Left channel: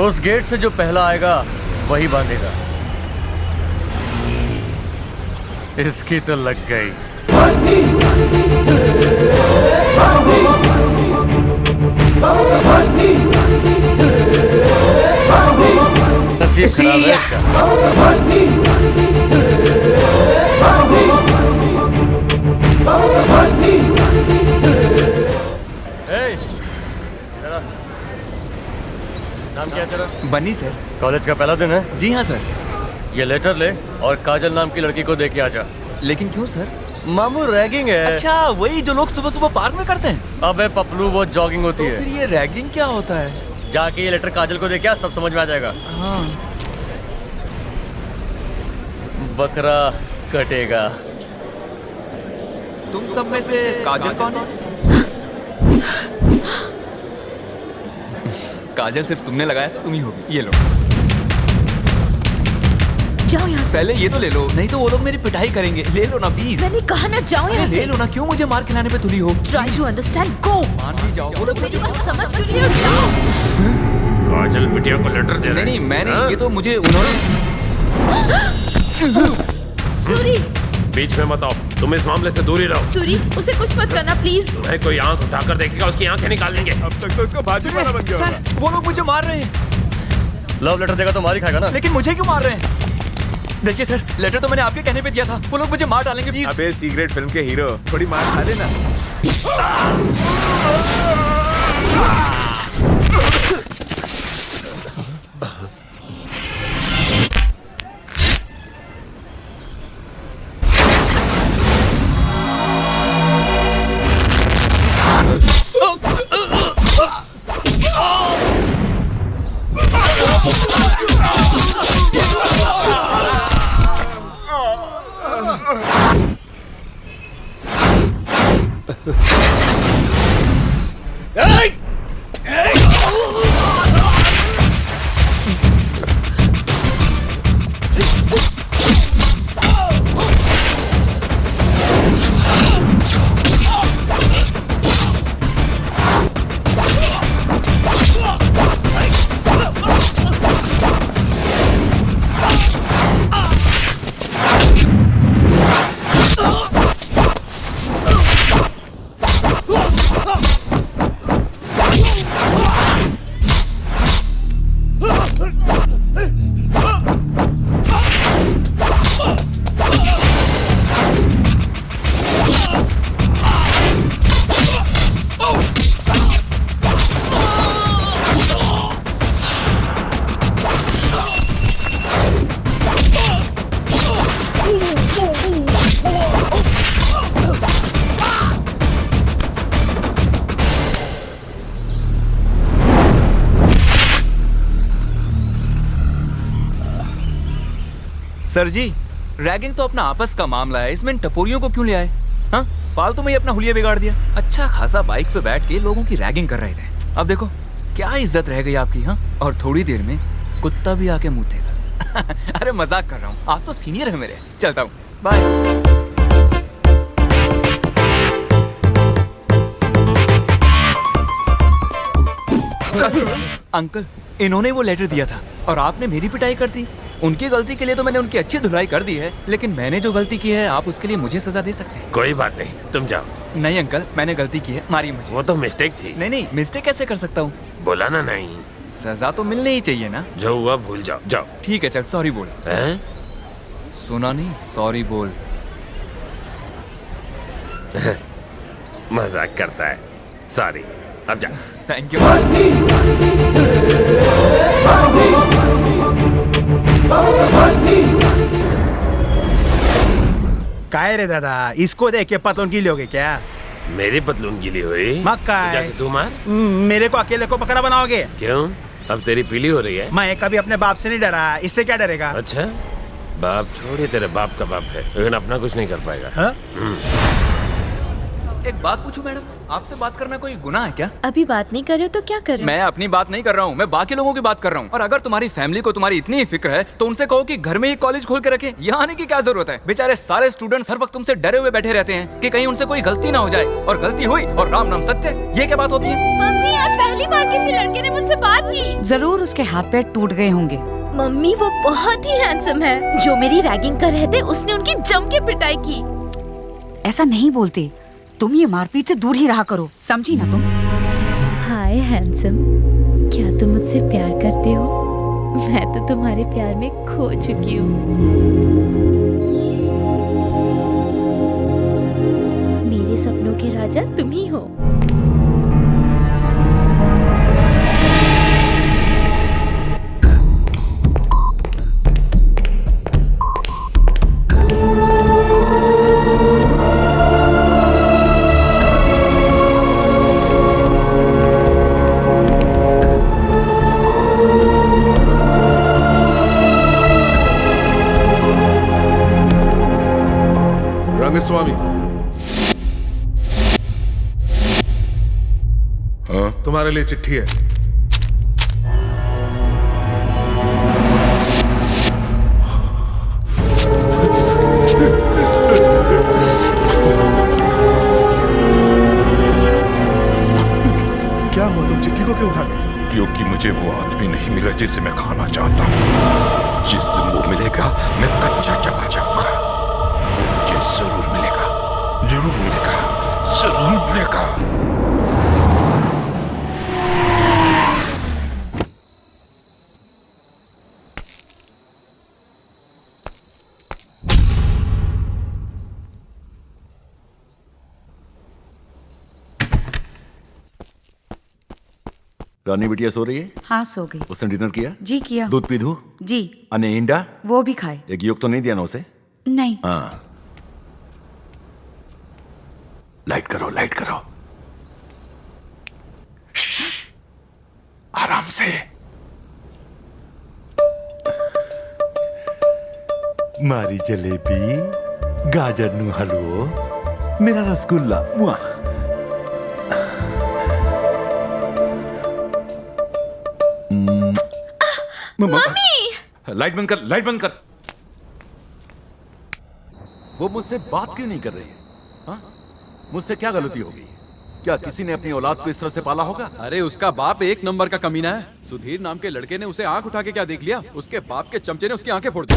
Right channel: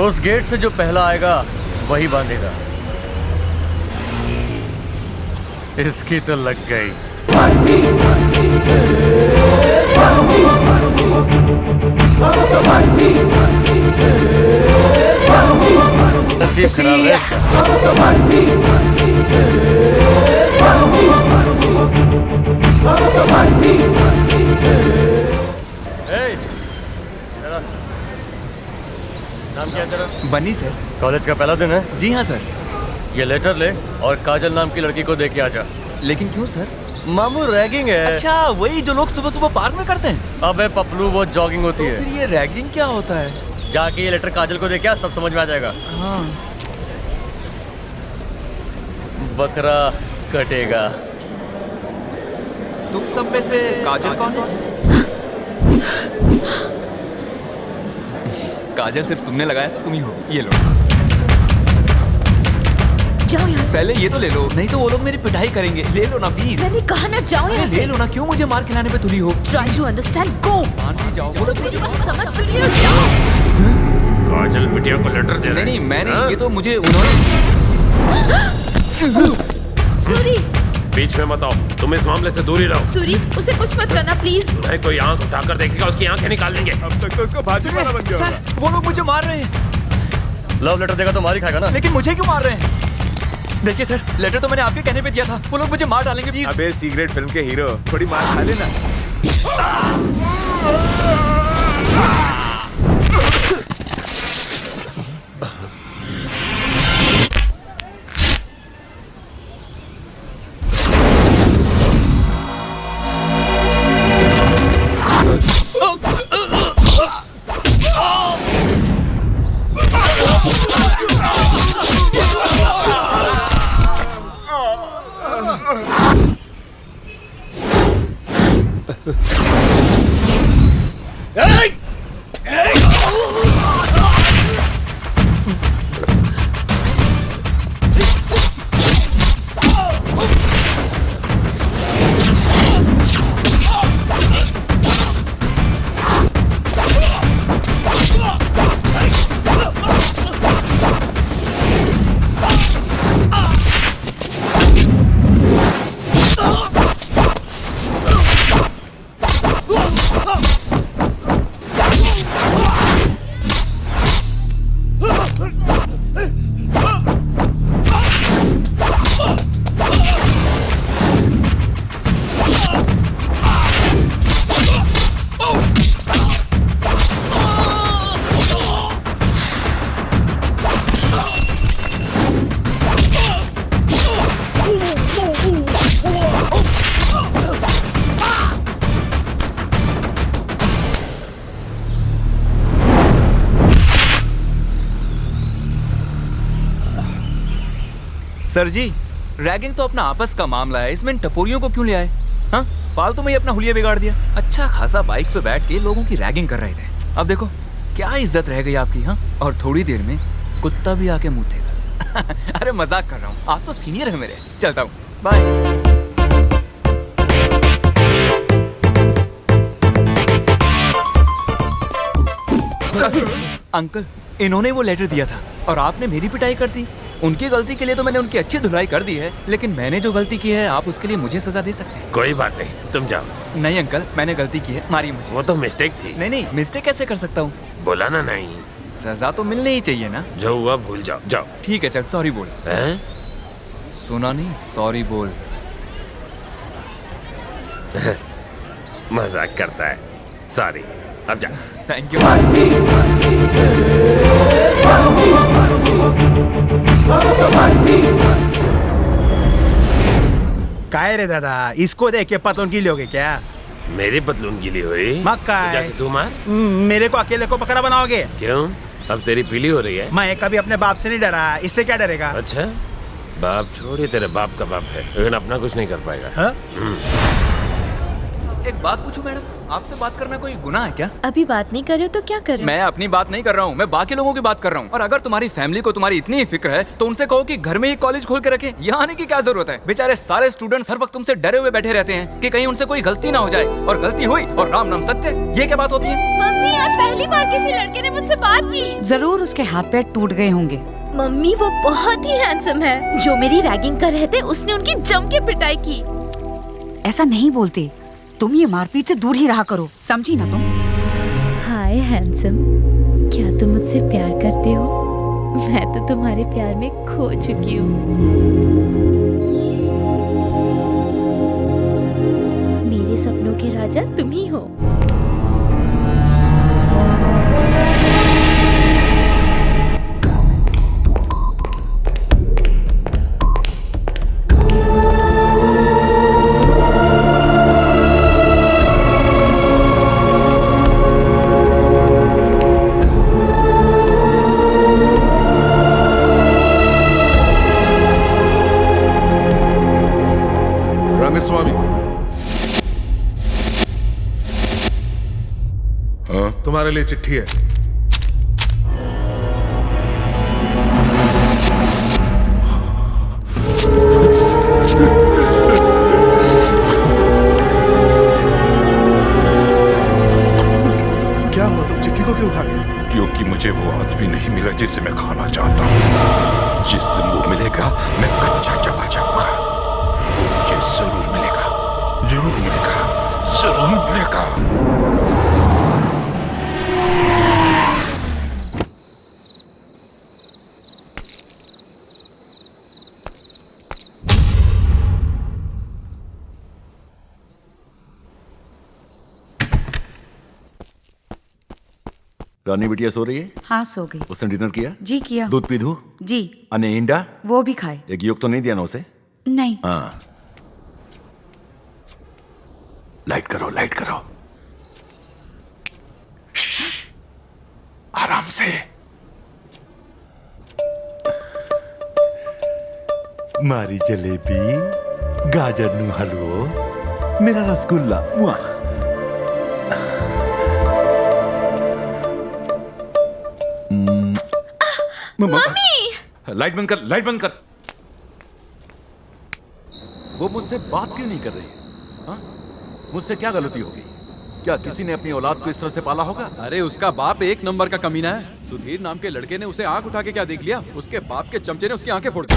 उस गेट से जो पहला आएगा वही बांधेगा। इसकी तो लग गई। नसीब खराब है इसका। नाम क्या है तेरा? बनी सर। कॉलेज का पहला दिन है? जी हाँ सर। ये लेटर ले और काजल नाम की लड़की को दे के आ जा। लेकिन क्यों सर? मामू रैगिंग है। अच्छा, वही जो लोग सुबह सुबह पार्क में करते हैं। अबे पपलू, वो जॉगिंग होती तो है। फिर ये रैगिंग क्या होता है? जाके ये लेटर काजल को दे के आ, सब समझ में आ जाएगा। हाँ। बकरा कटेगा। तुम सब में से काजल कौन है? काजल सिर्फ तुमने लगाया तो तुम ही होगी। ये लो। जाओ यहाँ से। पहले ये तो ले लो, नहीं तो वो लोग मेरी पिटाई करेंगे। ले लो ना प्लीज। मैंने कहा ना, जाओ यहाँ ले से। लो ना, क्यों मुझे मार खिलाने पे तुली हो? Try to understand, go। मान भी जाओ। वो लोग मेरी मुझे बात समझ क्यों नहीं हो? जाओ। काजल बिटिया को लेटर दे रहे। नहीं, मैंने ये तो मुझे उन्होंने। सूरी, बीच में मत आओ, तुम इस मामले से दूर ही रहो। सूरी, उसे कुछ मत करना प्लीज। मैं कोई आंख उठाकर देखेगा उसकी आंखें निकाल लेंगे। अब तक तो उसका भाजी वाला बन गया। सर, वो लोग मुझे मार रहे हैं। लव लेटर देगा तो मार ही खाएगा ना। लेकिन मुझे क्यों मार रहे हैं? देखिए सर, लेटर तो मैंने आपके कहने पे दिया था। वो लोग मुझे मार डालेंगे प्लीज। अबे सीक्रेट फिल्म के हीरो, थोड़ी मार खा लेना। सर जी, रैगिंग तो अपना आपस का मामला है, इसमें टपोरियों को क्यों ले आए? हाँ, फालतू में ही अपना हुलिया बिगाड़ दिया। अच्छा खासा बाइक पे बैठ के लोगों की रैगिंग कर रहे थे। अब देखो क्या इज्जत रह गई आपकी। हाँ, और थोड़ी देर में कुत्ता भी आके मुतेगा। अरे मजाक कर रहा हूँ, आप तो सीनियर है मेरे। चलता हूँ, बाय। अंकल, इन्होंने वो लेटर दिया था और आपने मेरी पिटाई कर दी। उनकी गलती के लिए तो मैंने उनकी अच्छी धुलाई कर दी है, लेकिन मैंने जो गलती की है आप उसके लिए मुझे सजा दे सकते हैं। कोई बात नहीं, तुम जाओ। नहीं अंकल, मैंने गलती की है, मारिए मुझे। वो तो मिस्टेक थी। नहीं, मिस्टेक कैसे कर सकता हूँ? बोला ना नहीं। सजा तो मिलनी ही चाहिए ना। जो हुआ भूल जाओ, जाओ। ठीक है, चल सॉरी बोल। हैं? सुना नहीं? सॉरी बोल। मजाक करता है। सॉरी, अब जा। Thank you. काय रे दादा, इसको देख के पतलून गीली हो गई क्या? मेरी पतलून गीली हुई? मक्का है। जाके तू मार। मेरे को अकेले को बकरा बनाओगे? क्यों? अब तेरी पीली हो रही है? मैं कभी अपने बाप से नहीं डरा, इससे क्या डरेगा? अच्छा, बाप छोड़िए, तेरे बाप का बाप है, लेकिन अपना कुछ नहीं कर पाएगा। हाँ? एक बात पूछूं मैडम, आपसे बात करना कोई गुनाह है क्या? अभी बात नहीं कर रहे हो तो क्या कर रहे हो? मैं अपनी बात नहीं कर रहा हूँ, मैं बाकी लोगों की बात कर रहा हूँ। और अगर तुम्हारी फैमिली को तुम्हारी इतनी ही फिक्र है तो उनसे कहो कि घर में ही कॉलेज खोल के रखें। यहाँ आने की क्या जरूरत है? बेचारे सारे स्टूडेंट्स हर वक्त तुमसे डरे हुए बैठे रहते हैं कि कहीं उनसे कोई गलती ना हो जाए, और गलती हुई और राम नाम सत्य। ये क्या बात होती है? मम्मी, आज पहली बार किसी लड़के ने मुझसे बात की। जरूर उसके हाथ पैर टूट गए होंगे। मम्मी, वो बहुत ही हैंडसम है। जो मेरी रैगिंग कर रहे थे उसने उनकी जम के पिटाई की। ऐसा नहीं बोलते, तुम ये मारपीट से दूर ही रहा करो, समझी ना तुम? हाय हैंडसम, क्या तुम मुझसे प्यार करते हो? मैं तो तुम्हारे प्यार में खो चुकी हूँ। मेरे सपनों के राजा तुम ही हो। रंगस्वामी, हाँ? तुम्हारे लिए चिट्ठी है। क्या हुआ, तुम चिट्ठी को क्यों खा गए? क्योंकि मुझे वो आदमी नहीं मिला जिसे मैं खाना चाहता हूँ। जिस दिन वो मिलेगा मैं कच्चा चबा जाऊंगा। वो मुझे जरूर मिलेगा, जरूर मिलेगा, जरूर मिलेगा। रानी बिटिया सो रही है? हाँ, सो गई। उसने डिनर किया? जी किया। दूध पी दूं? जी। अने इंडा? वो भी खाए। एक योग तो नहीं दिया ना उसे? नहीं। हाँ, लाइट करो, लाइट करो। आराम से। मारी जलेबी, गाजर नु हलवो, मेरा रसगुल्ला। मुआ। मम्मी! लाइट बंद कर, लाइट बंद कर। वो मुझसे बात क्यों नहीं कर रही है? हाँ? मुझसे क्या गलती हो गई? क्या किसी ने अपनी औलाद को इस तरह से पाला होगा? अरे उसका बाप एक नंबर का कमीना है। सुधीर नाम के लड़के ने उसे आंख उठा के क्या देख लिया? उसके बाप के चमचे ने उसकी आंखें फोड़ दी।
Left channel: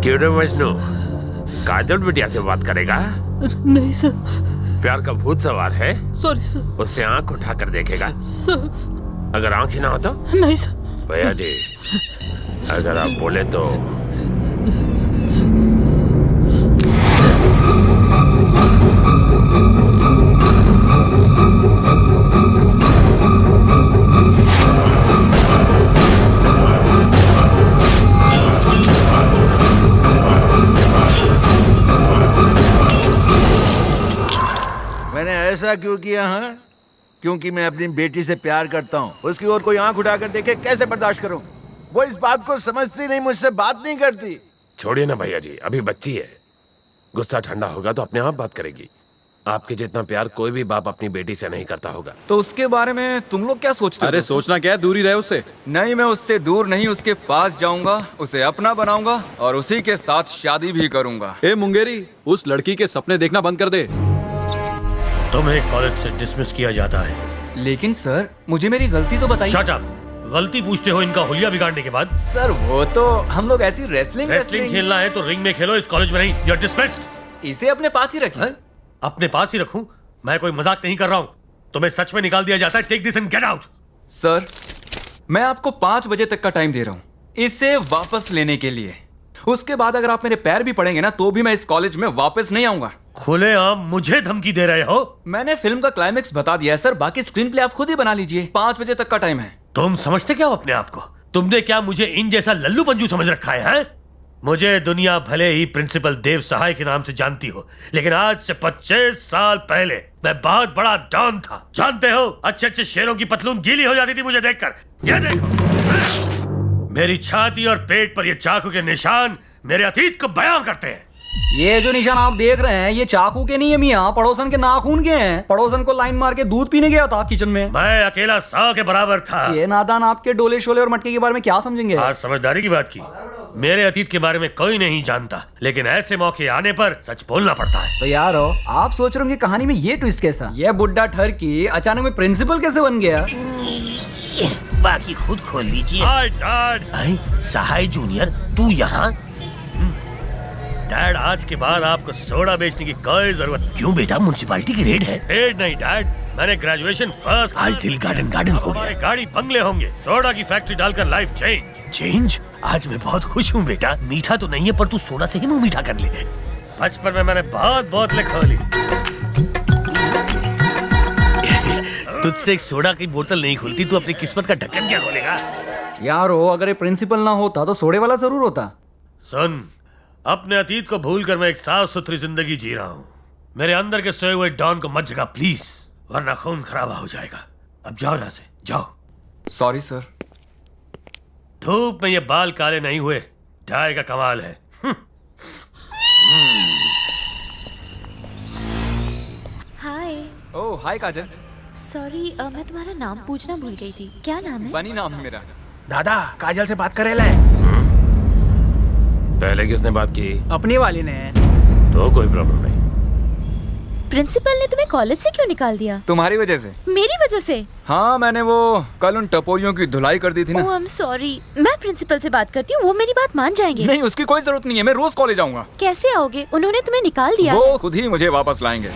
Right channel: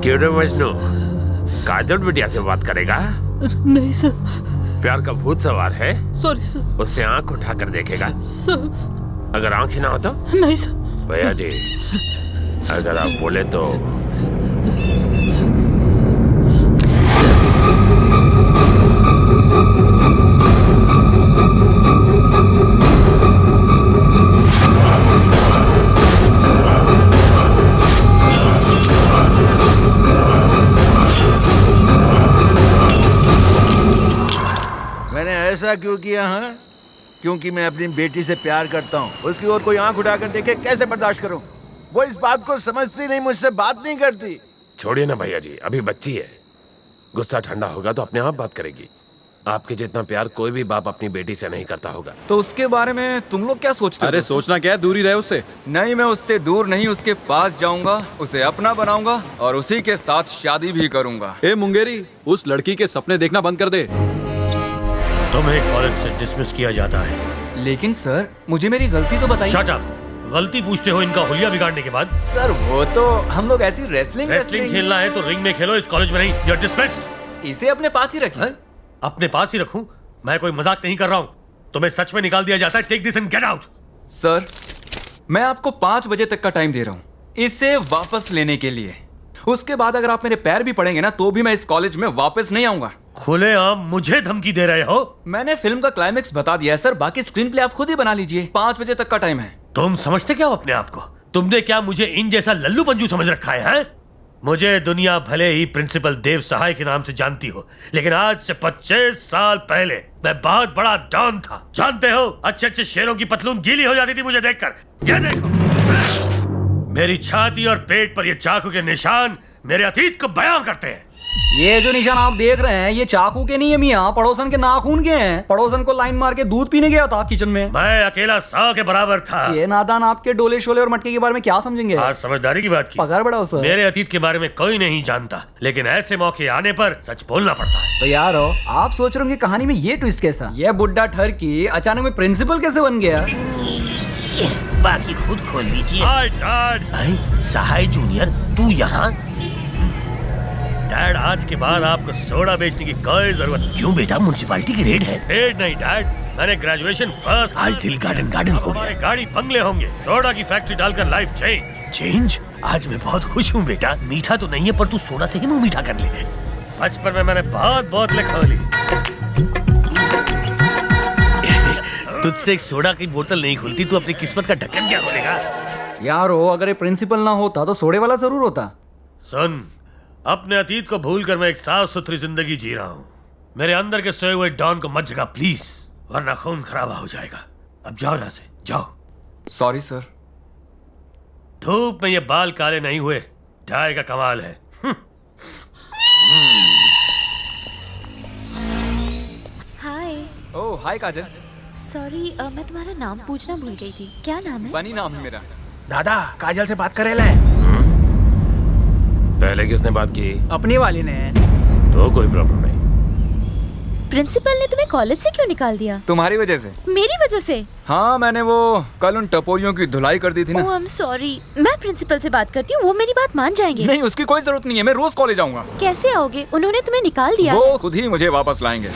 क्यों रे मजनू, काजल बिटिया से बात करेगा? नहीं सर। प्यार का भूत सवार है, सॉरी सर। उससे आंख उठाकर देखेगा? सर। अगर आंख ही ना हो तो? नहीं सर। भैया जी, अगर आप बोले तो। मैंने ऐसा क्यों किया? हाँ, क्योंकि मैं अपनी बेटी से प्यार करता हूँ। उसकी ओर कोई आंख उठाकर देखे कैसे बर्दाश्त करूँ? वो इस बात को समझती नहीं, मुझसे बात नहीं करती। छोड़िए ना भैया जी, अभी बच्ची है। गुस्सा ठंडा होगा तो अपने आप बात करेगी। आपके जितना प्यार कोई भी बाप अपनी बेटी से नहीं करता होगा। तो उसके बारे में तुम लोग क्या सोचते हो? अरे सोचना क्या है, दूर ही रहे उससे। नहीं, मैं उससे दूर नहीं, उसके पास जाऊंगा, उसे अपना बनाऊंगा और उसी के साथ शादी भी करूंगा। ए मुंगेरी, उस लड़की के सपने देखना बंद कर दे। तुम्हें कॉलेज से डिसमिस किया जाता है। लेकिन सर, मुझे मेरी गलती तो बताइए। Shut up! गलती पूछते हो इनका हुलिया बिगाड़ने के बाद? सर, वो तो हम लोग ऐसी रेसलिंग खेलना है तो रिंग में खेलो, इस कॉलेज में नहीं। You are dismissed. इसे अपने पास ही रखिए। अपने पास ही रखूं? मैं कोई मजाक नहीं कर रहा हूँ। तुम्हें सच में निकाल दिया जाता है? Take this and get out. Sir, मैं आपको 5 बजे तक का टाइम दे रहा हूँ इसे वापस लेने के लिए। उसके बाद अगर आप मेरे पैर भी पड़ेंगे ना तो भी मैं इस कॉलेज में वापस नहीं आऊंगा। खुलेआम मुझे धमकी दे रहे हो? मैंने फिल्म का क्लाइमेक्स बता दिया है सर, बाकी स्क्रीन प्ले आप खुद ही बना लीजिए। 5 बजे तक का टाइम है। तुम समझते क्या हो अपने आप को? तुमने क्या मुझे इन जैसा लल्लू पंजू समझ रखा है? मुझे दुनिया भले ही प्रिंसिपल देव सहाय के नाम से जानती हो, लेकिन आज से 25 साल पहले मैं बहुत बड़ा डॉन था। जानते हो, अच्छे अच्छे शेरों की पतलून गीली हो जाती थी मुझे देखकर। ये देखो, मेरी छाती और पेट पर ये चाकू के निशान मेरे अतीत को बयां करते हैं। ये जो निशान आप देख रहे हैं ये चाकू के नहीं है मियाँ, पड़ोसन के नाखून के हैं। पड़ोसन को लाइन मार के दूध पीने गया था किचन में। मैं अकेला 100 के बराबर था। ये नादान आपके डोले शोले और मटके के बारे में क्या समझेंगे? आज समझदारी की बात की। पगार बढ़ाओ सर। मेरे अतीत के बारे में कोई नहीं जानता, लेकिन ऐसे मौके आने पर सच बोलना पड़ता है। तो यार आप सोच रहे होंगे कहानी में ये ट्विस्ट कैसा? ये बुड्ढा ठरकी अचानक में प्रिंसिपल कैसे बन गया? बाकी खुद खोल लीजिए। Hi dad. सहाय जूनियर, तू यहाँ? डैड, आज के बाद आपको सोडा बेचने की कोई जरूरत। क्यों बेटा, म्युनिसिपैलिटी की रेड है? रेड नहीं डैड, मैंने ग्रेजुएशन फर्स्ट। आज दिल गार्डन गार्डन हो गया। हमारे गाड़ी बंगले होंगे। सोडा की फैक्ट्री डालकर लाइफ चेंज। चेंज? आज मैं बहुत खुश हूँ बेटा। मीठा तो नहीं है पर तू सोडा से ही मुंह मीठा कर ले। बचपन में मैंने बहुत बोतलें खोली। तुझसे एक सोडा की बोतल नहीं खुलती, तू अपनी किस्मत का ढक्कन क्या खोलेगा? यारो अगर ये प्रिंसिपल ना होता तो सोडे वाला जरूर होता। सुन, अपने अतीत को भूलकर मैं एक साफ सुथरी जिंदगी जी रहा हूँ। मेरे अंदर के सोए हुए डॉन को मत जगा प्लीज, वरना खून खराबा हो जाएगा। अब जाओ यहाँ से, जाओ। Sorry sir. धूप में ये बाल काले नहीं हुए, डाई का कमाल है। हाय। ओह हाय काजल। सॉरी, मैं तुम्हारा नाम पूछना भूल गई थी। क्या नाम है? बनी नाम है मेरा। दादा, काजल से बात करे ले। पहले किसने बात की? अपनी वाली ने। तो कोई प्रॉब्लम नहीं। प्रिंसिपल ने तुम्हें कॉलेज से क्यों निकाल दिया? तुम्हारी वजह से। मेरी वजह से? हाँ, मैंने वो कल उन टपोरियों की धुलाई कर दी थी ना। ओह आई एम सॉरी। मैं प्रिंसिपल से बात करती हूँ, वो मेरी बात मान जाएंगे। नहीं, उसकी कोई जरूरत नहीं है, मैं रोज कॉलेज आऊंगा। कैसे आओगे? उन्होंने तुम्हें निकाल दिया। वो खुद ही मुझे वापस लाएंगे।